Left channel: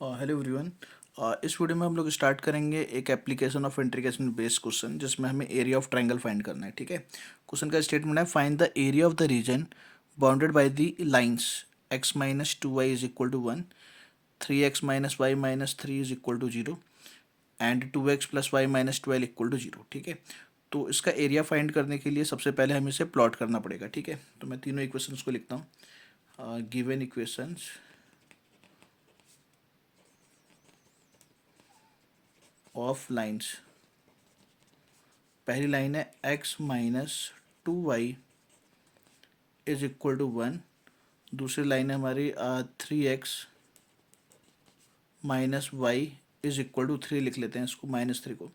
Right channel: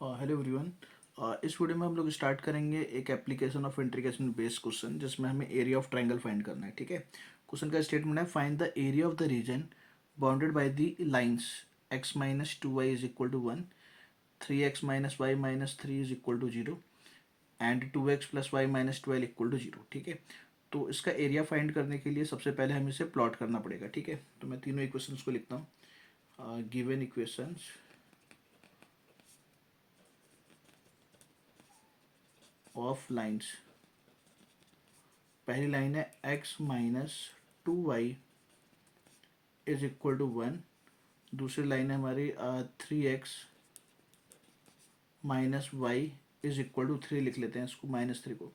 Hello everyone. इस video में हम लोग स्टार्ट करेंगे एक application of integration based question जिसमें हमें एरिया ऑफ ट्रायंगल फाइंड करना है। ठीक है, क्वेश्चन का स्टेटमेंट है find the area of the region bounded by the lines x minus two y is equal to one, 3x minus y minus 3 is equal to zero and 2x plus y minus 12 equal to zero. ठीक है, तो इसका area find करने के लिए सबसे पहले हमें इसे प्लॉट करना पड़ेगा। ठीक है, तो मैं तीनों इक्वेशंस को लिखता हूँ। Given equations of lines. पहली लाइन है x-2y is equal to one. दूसरी लाइन है हमारी 3x-वाई इज इक्वल टू थ्री, लिख लेते हैं इसको -3 को।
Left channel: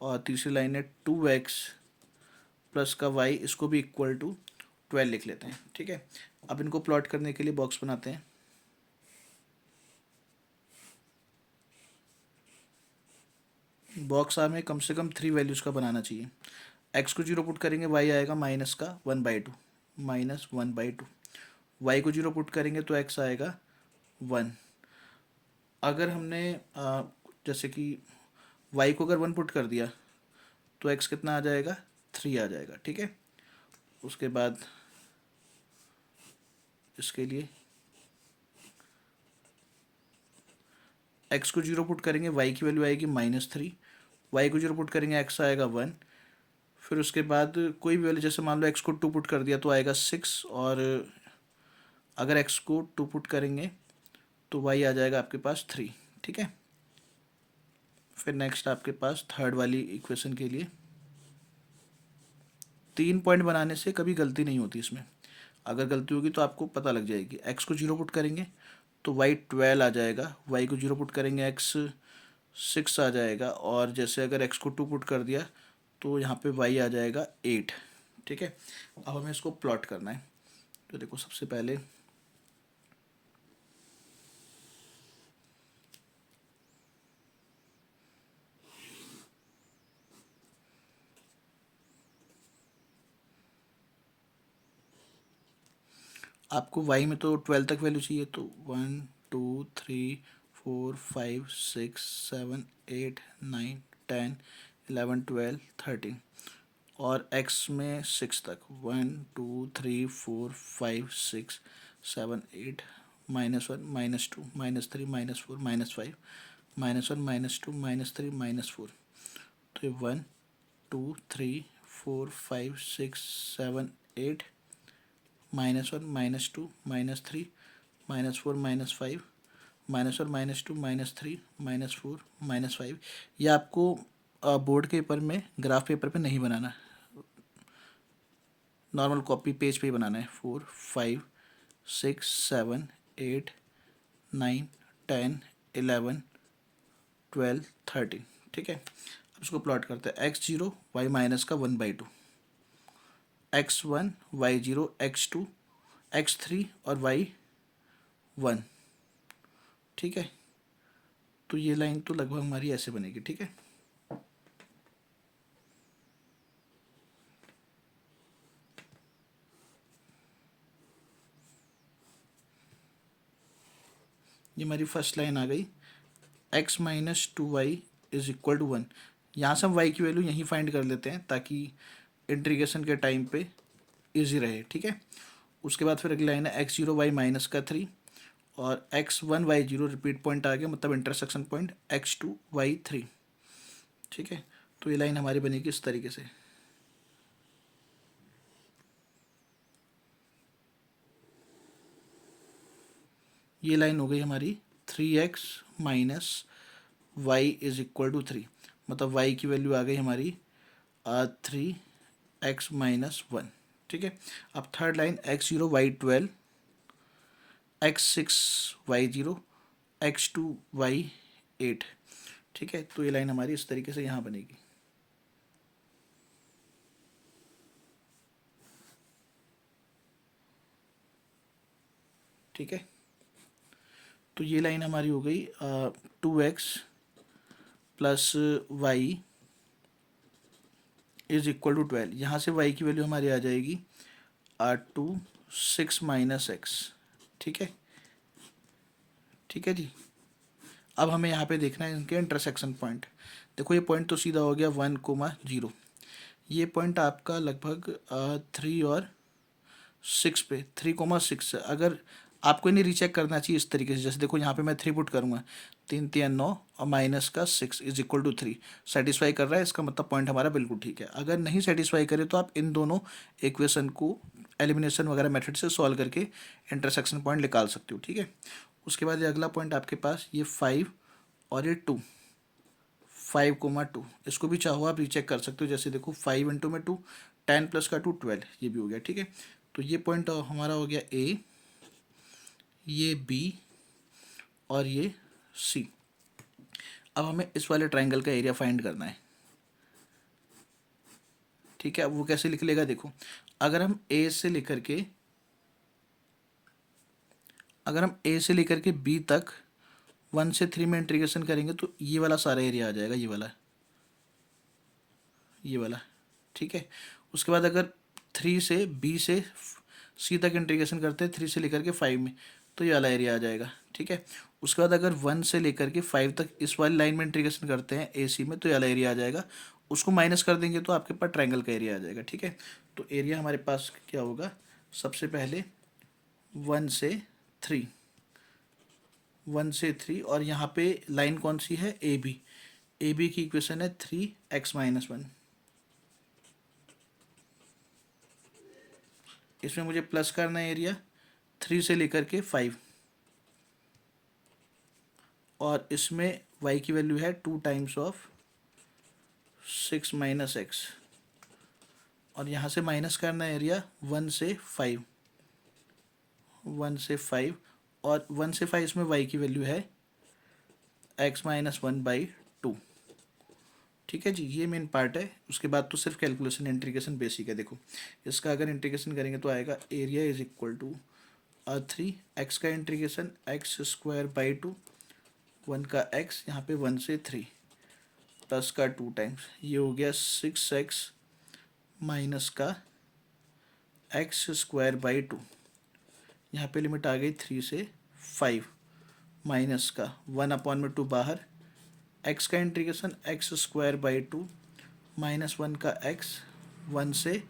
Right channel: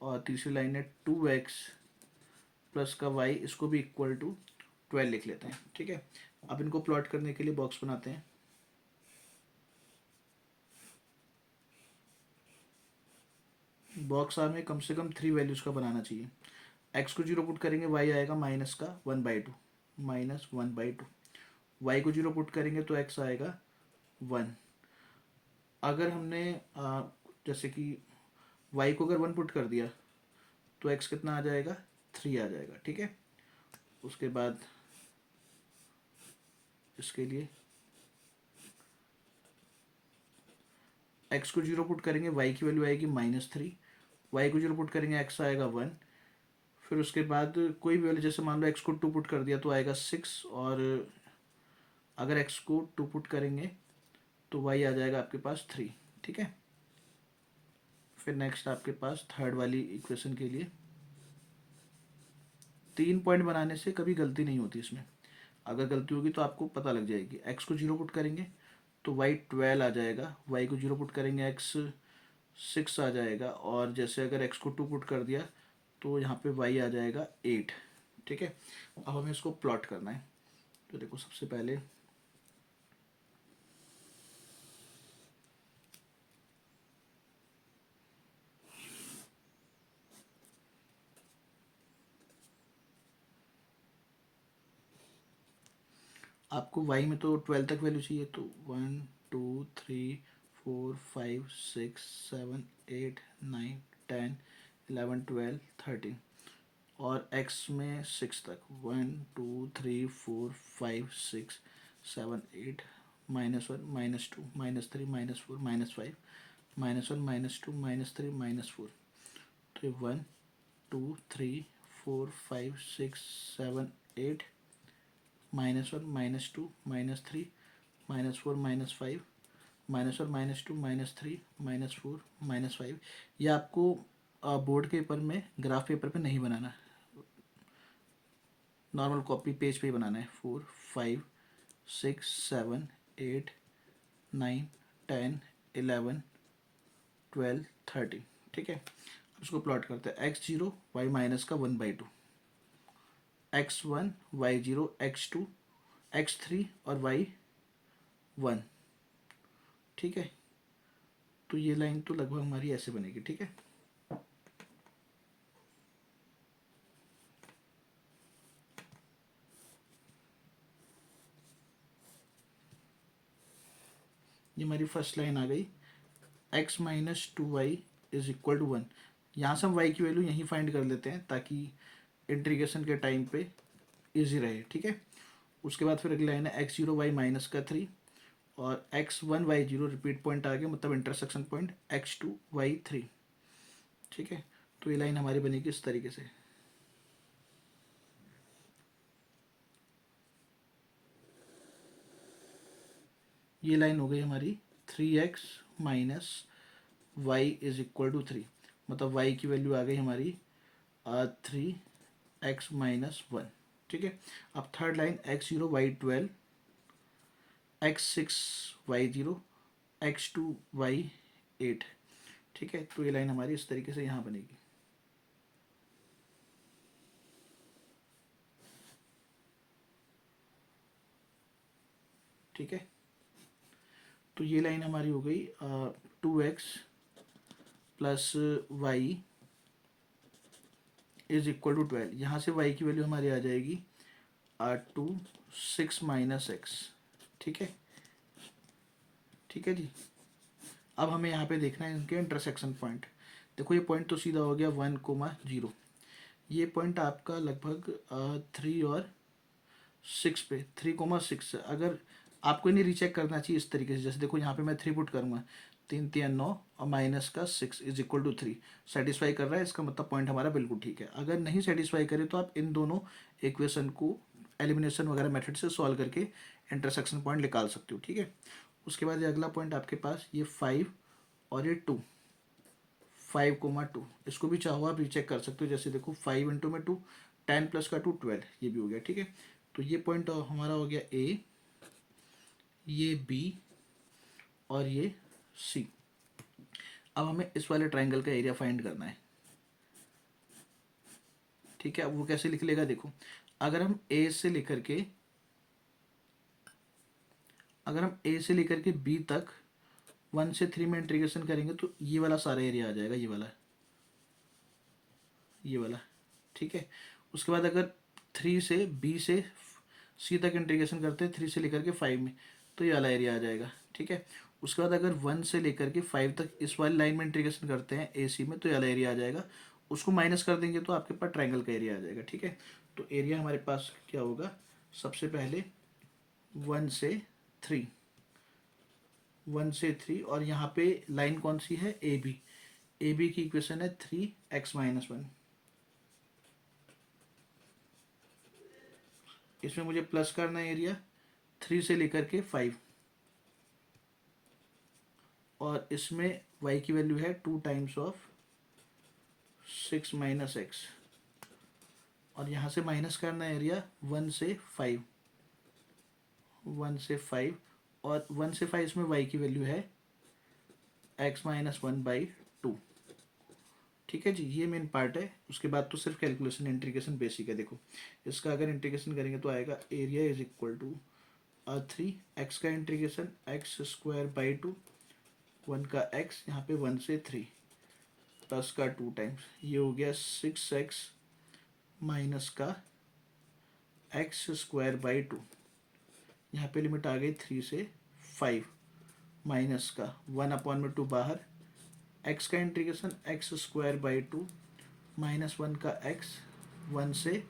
और तीसरी लाइन है 2x प्लस का y, इसको भी इक्वल टू 12 लिख लेते हैं। ठीक है, अब इनको प्लॉट करने के लिए बॉक्स बनाते हैं। बॉक्स हमें कम से कम 3 वैल्यूज़ का बनाना चाहिए। x को जीरो पुट करेंगे y आएगा माइनस का 1/2, -1/2। y को जीरो पुट करेंगे तो x आएगा 1। अगर हमने जैसे कि y को अगर 1 पुट कर दिया तो x कितना आ जाएगा, 3 आ जाएगा। ठीक है, उसके बाद इसके लिए x को जीरो पुट करेंगे, y की वैल्यू आएगी -3। y को जीरो पुट करेंगे, x आएगा 1। फिर उसके बाद कोई भी वैल्यू, जैसे मान लो x को 2 पुट कर दिया तो आएगा 6, और अगर x को 2 पुट करेंगे तो y आ जाएगा आपके पास 3। ठीक है, फिर नेक्स्ट आपके पास थर्ड वाली इक्वेशन के लिए 3 पॉइंट बनाने से कभी गलती नहीं होती इसमें। अगर गलती होगी तो आपको पता लग जाएगी। x को जीरो पुट करेंगे तो y 12 आ जाएगा, y को जीरो पुट करेंगे x 6 आ जाएगा, और जैसे अगर x को 2 पुट कर दिया तो यहाँ पे y आ जाएगा 8। ठीक है, अब हमें इसको प्लॉट करना है। तो देखो, सबसे पहले आपको y में तो 12 तक वैल्यू चाहिए, तो 1 2 3 4 5 6 7 8 9 10 11 12 13, और x में 6 तक 1 2 3 4 5 6 7 8 -1 -2 -3 -4 -5 -1 -2 -3 -4। तो ये 1 2 3 4 5 6 7 8 -1 -2 -3 -4 -5 -1 -2 -3 -4 -5। ये आपको बोर्ड के पेपर में, ग्राफ पेपर पे नहीं बनाना, नॉर्मल कॉपी पेज पे ही बनाना है। 4 5 6 7 8 9 10 11 12 13। ठीक है, अब इसको प्लॉट करते हैं। x0 y माइनस का 1/2, x1 y0 x2 x3 और y1। ठीक है, तो ये लाइन तो लगभग हमारी ऐसे बनेगी। ठीक है, ये हमारी फर्स्ट लाइन आ गई। x-2y is equal to 1। यहाँ से हम y की वैल्यू यहीं फाइंड कर लेते हैं ताकि इंटीग्रेशन के टाइम पे इजी रहे। ठीक है, उसके बाद फिर अगली लाइन है x0 y माइनस का 3, और x1 y0 रिपीट पॉइंट आ गया, मतलब इंटरसेक्शन पॉइंट x2 y3। ठीक है, तो ये लाइन हमारी बनेगी इस तरीके से। ये लाइन हो गई हमारी 3x minus y is equal to 3, मतलब y की वैल्यू आ गई हमारी 3x-1। ठीक है, अब third line x0 y12 x6 y0 x2 y8। ठीक है, तो ये लाइन हमारी इस तरीके से यहाँ बनेगी। ठीक है, तो ये लाइन हमारी हो गई 2x plus y is equal to 12। यहाँ से y की वैल्यू हमारी आ जाएगी 2 6 माइनस एक्स। ठीक है, ठीक है जी। अब हमें यहाँ पे देखना है इनके इंटरसेक्शन पॉइंट। देखो ये पॉइंट तो सीधा हो गया 1, 0। ये पॉइंट आपका लगभग 3 और 6 पे, 3, 6। अगर आपको इन्हें रीचेक करना चाहिए इस तरीके से, जैसे देखो यहाँ पे मैं 3 पुट करूँगा, 3, 3, 9 और माइनस का 6 इज इक्वल टू 3। सेटिस्फाई कर रहा है, इसका मतलब पॉइंट हमारा बिल्कुल ठीक है। अगर नहीं सेटिस्फाई करे तो आप इन दोनों इक्वेशन को एलिमिनेशन वगैरह मेथड से सॉल्व करके इंटरसेक्शन पॉइंट निकाल सकते हो, ठीक है। उसके बाद ये अगला पॉइंट आपके पास ये 5 और ये 2, 5, 2, इसको भी चाहो आप रीचेक कर सकते हो। जैसे देखो 5 × 2, 10 + 2 12, ये भी हो गया, ठीक है। तो ये पॉइंट हमारा हो गया ए, ये बी और ये सी। अब हमें इस वाले ट्राइंगल का एरिया फाइंड करना है, ठीक है। अब वो कैसे लिख लेगा, देखो अगर हम ए से लेकर के बी तक 1 से 3 में इंटीग्रेशन करेंगे तो ये वाला सारा एरिया आ जाएगा, ये वाला, ठीक है। उसके बाद अगर 3 से बी से सी तक इंटीग्रेशन करते हैं 3 से लेकर के 5 में, तो ये वाला एरिया आ जाएगा, ठीक है। उसके बाद अगर 1 से लेकर के 5 तक इस वाली लाइन में इंटीग्रेशन करते हैं ए सी में, तो ये वाला एरिया आ जाएगा। उसको माइनस कर देंगे तो आपके पास ट्रायंगल का एरिया आ जाएगा, ठीक है। तो एरिया हमारे पास क्या होगा, सबसे पहले 1 से 3, 1 से 3, और यहाँ पे लाइन कौन सी है, ए बी की इक्वेशन है 3x-1। इसमें मुझे प्लस करना है एरिया 3 से लेकर के 5, और इसमें y की वैल्यू है 2 टाइम्स ऑफ 6 - x, और यहाँ से माइनस करना है एरिया 1 से 5, 1 से 5, और 1 से 5 इसमें y की वैल्यू है x-1/2, ठीक है जी। ये मेन पार्ट है। उसके बाद तो सिर्फ कैलकुलेशन इंटीग्रेशन बेसिक है। देखो इसका अगर इंटीग्रेशन करेंगे तो आएगा area is equal to 3 x का इंटीग्रेशन x²/2, 1 का x, यहाँ पे 1 से 3 प्लस का 2 टाइम्स, ये हो गया 6x माइनस का x²/2, यहाँ पे लिमिट आ गई 3 से 5, माइनस का 1/2 बाहर, x का इंटीग्रेशन x²/2 माइनस 1 का x, 1 से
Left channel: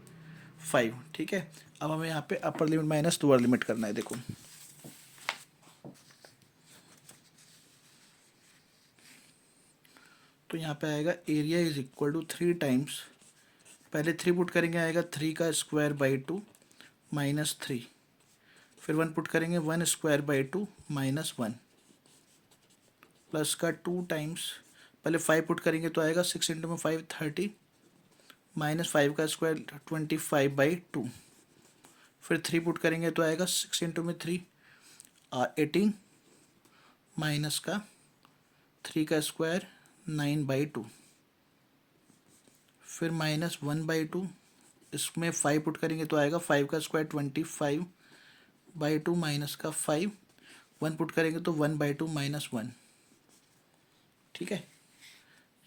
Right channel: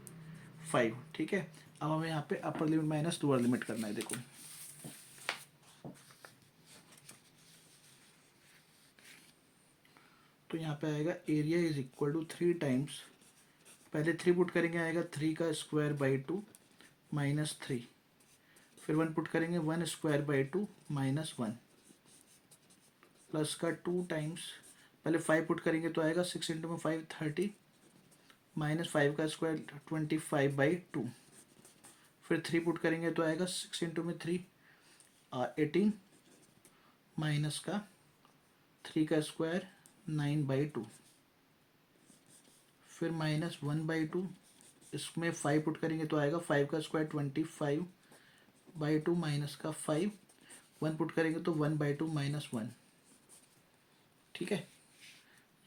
5, ठीक है। अब हमें यहाँ पे upper limit minus lower limit करना है। देखो तो यहाँ पे आएगा area is equal to 3 times, पहले 3 पुट करेंगे आएगा 3²/2 माइनस 3, फिर 1 पुट करेंगे 1²/2 माइनस 1, प्लस का 2 टाइम्स, पहले 5 पुट करेंगे तो आएगा 6 × 5 30, माइनस 5 का स्क्वायर 25/2, फिर 3 पुट करेंगे तो आएगा 6 × 3 18, माइनस का 3 का स्क्वायर 9/2, फिर माइनस 1/2, इसमें 5 पुट करेंगे तो आएगा 5 का स्क्वायर 25/2 माइनस का 5, 1 पुट करेंगे तो 1/2 माइनस 1, ठीक है।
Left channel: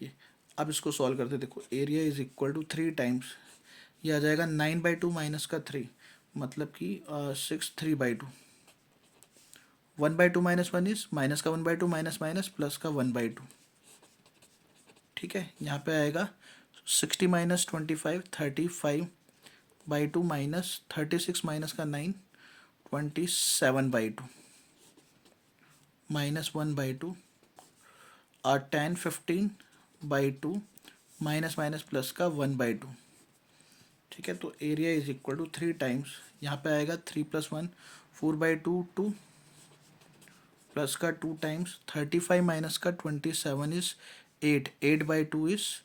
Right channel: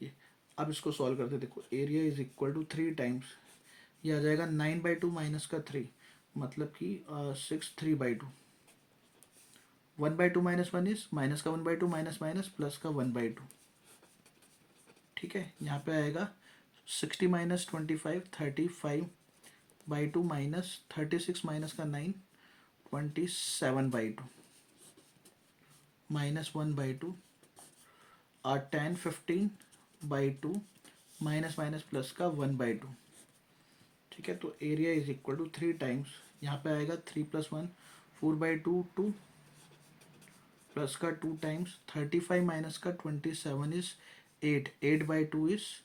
ये अब इसको सॉल्व करते, देखो area is equal to 3 times, ये आ जाएगा 9/2 माइनस का 3, मतलब कि 6 3/2, 1/2 माइनस 1 इज माइनस का 1/2 माइनस माइनस प्लस का 1/2, ठीक है। यहाँ पे आएगा 60 - 25 35/2 माइनस 36 माइनस का 9 27/2 माइनस 1/2 और 10 15/2 माइनस माइनस प्लस का 1/2, ठीक है। तो area is equal to 3 times, यहाँ पे आएगा 3 + 1 4/2 2, प्लस का 2 टाइम्स 35 माइनस का 27 is 8, 8/2 is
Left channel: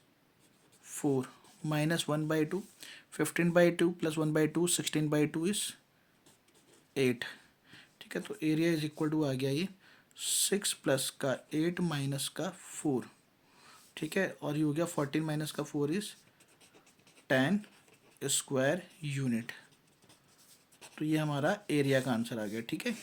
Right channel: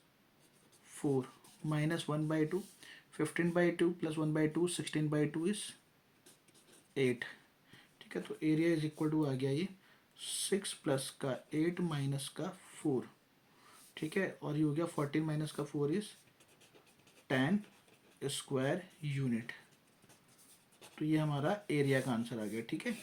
4, minus 1/2, 15/2 plus 1/2 16/2 is 8, ठीक है। तो एरिया इज इक्वल टू आ गया ये 6 प्लस का 8 माइनस का 4, ठीक है। और ये हो गया 14 माइनस का 4 इज 10 स्क्वायर यूनिट। तो ये हमारा एरिया का आंसर आ गया, ठीक है।